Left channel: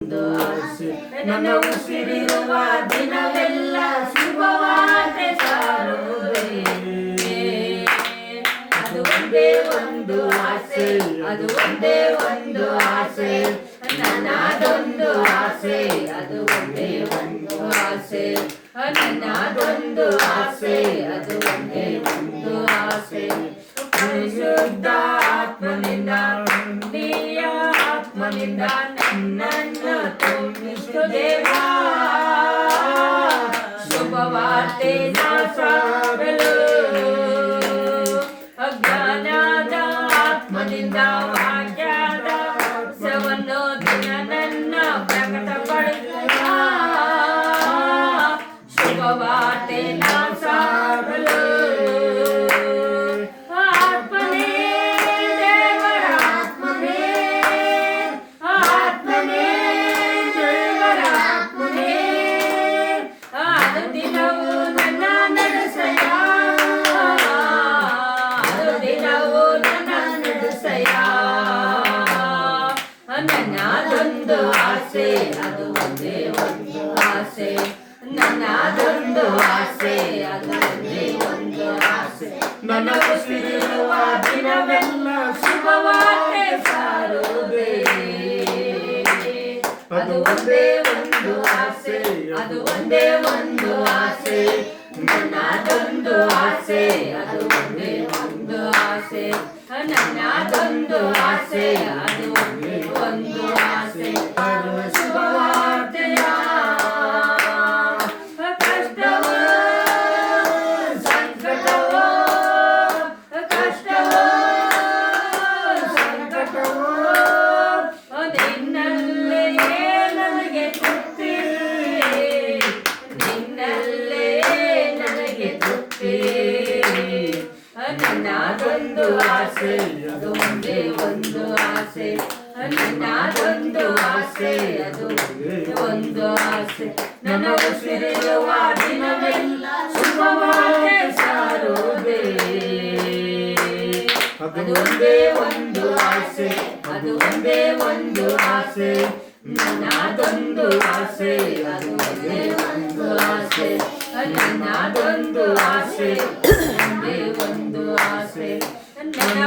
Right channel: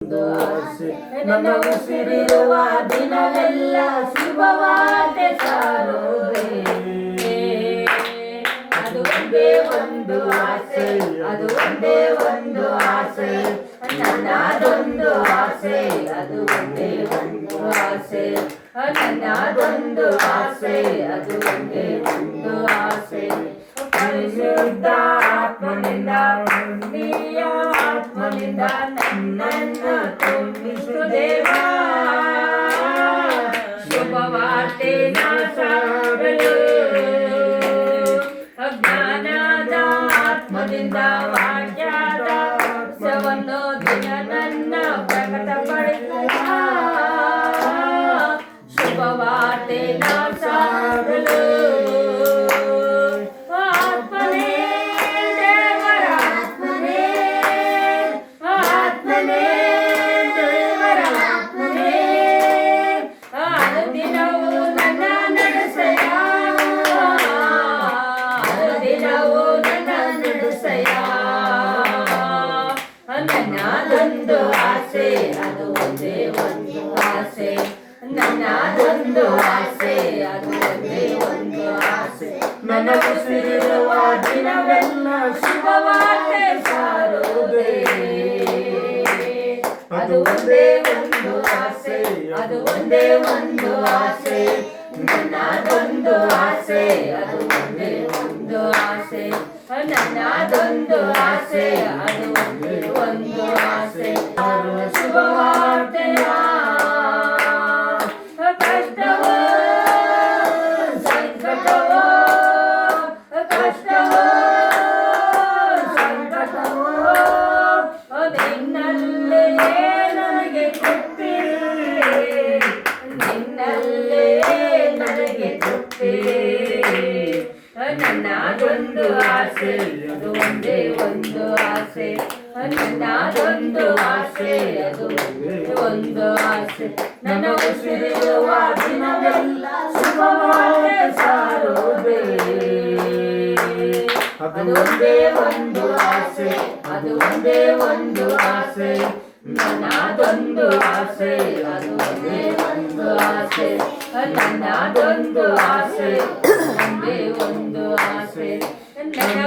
ಒಂದು ಆಸೆ ನನ್ನ ಉಸಿರಿರುವ ದಿನವೆಲ್ಲ ಶುಭವಾರ್ತೆ ಸಾರುವುದೇ. ಅದು ಒಂದೇ ಒಂದು ಆಸೆ, ಅದು ಒಂದೇ ಒಂದು ಆಸೆ, ನನ್ನದೊಂದು ಆಸೆ, ಅದು ಒಂದೇ ಒಂದು ಆಸೆ, ನನ್ನದೊಂದು ಆಸೆ, ಅದು ಒಂದೇ ಒಂದು ಆಸೆ. ಪರಿಶುದ್ಧ ಆತ್ಮನಿಂದ ನೀಯ ಆತ್ಮನಿಂದ ನನ್ನನ್ನು ತುಂಬಿಸು ದೇವಾ. ಶುಭವಾರ್ತೆ ಸಾರಲು ಅಜ್ಞಾನದ ಆತ್ಮದಿಂದ ವಾಕ್ಯದ ಸವನ್ನು ದಿನ ನನ್ನ ಪ್ರಕಟಪಡಿಸುವ. ಶುಭವಾರ್ತೆ ಸಾರಲು ಆತ್ಮನೇ ದೇವರ ಆತ್ಮನೇ, ಆತ್ಮನೇ ದೇವರ ಆತ್ಮನೇ, ಅನುದಿನವೂ ನನ್ನ ನಡೆಸೆಯ, ಅನುದಿನವೂ ನನ್ನ ನಡೆಸೆಯ. ನನ್ನದೊಂದು ಆಸೆ, ಅದು ಒಂದೇ ಒಂದು ಆಸೆ, ನನ್ನದೊಂದು ಆಸೆ, ಅದು ಒಂದೇ ಒಂದು ಆಸೆ. ನನ್ನ ಉಸಿರಿರುವ ದಿನವೆಲ್ಲ ಶುಭವಾರ್ತೆ ಸಾರುವುದೇ. ಅದು ಒಂದೇ ಒಂದು ಆಸೆ, ಅದು ಒಂದೇ ಒಂದು ಆಸೆ, ನನ್ನದೊಂದು ಆಸೆ, ಅದು ಒಂದೇ ಒಂದು ಆಸೆ, ನನ್ನದೊಂದು ಆಸೆ, ಅದು ಒಂದೇ ಒಂದು ಆಸೆ. ಶುಭವಾರ್ತೆಯ ಕಷ್ಟವೋ ಸಂಕಟವೋ, ಕಷ್ಟವೋ ಸಂಕಟವೋ, ನಿನ್ನಲ್ಲೇ ನನಗೆ ತೃಪ್ತಿ, ನಿನ್ನಲ್ಲೇ ನನಗೆ ತೃಪ್ತಿ. ನನ್ನದೊಂದು ಆಸೆ, ಅದು ಒಂದೇ ಒಂದು ಆಸೆ, ನನ್ನದೊಂದು ಆಸೆ, ಅದು ಒಂದೇ ಒಂದು ಆಸೆ. ನನ್ನ ಉಸಿರಿರುವ ದಿನವೆಲ್ಲ ಶುಭವಾರ್ತೆ ಸಾರುವುದೇ. ಅದು ಒಂದೇ ಒಂದು ಆಸೆ, ಅದು ಒಂದೇ ಒಂದು ಆಸೆ, ನನ್ನದೊಂದು ಆಸೆ, ಅದು ಒಂದೇ ಒಂದು ಆಸೆ, ನನ್ನದೊಂದು ಆಸೆ, ಒಂದೇ ಒಂದು ಆಸೆ. ನನ್ನ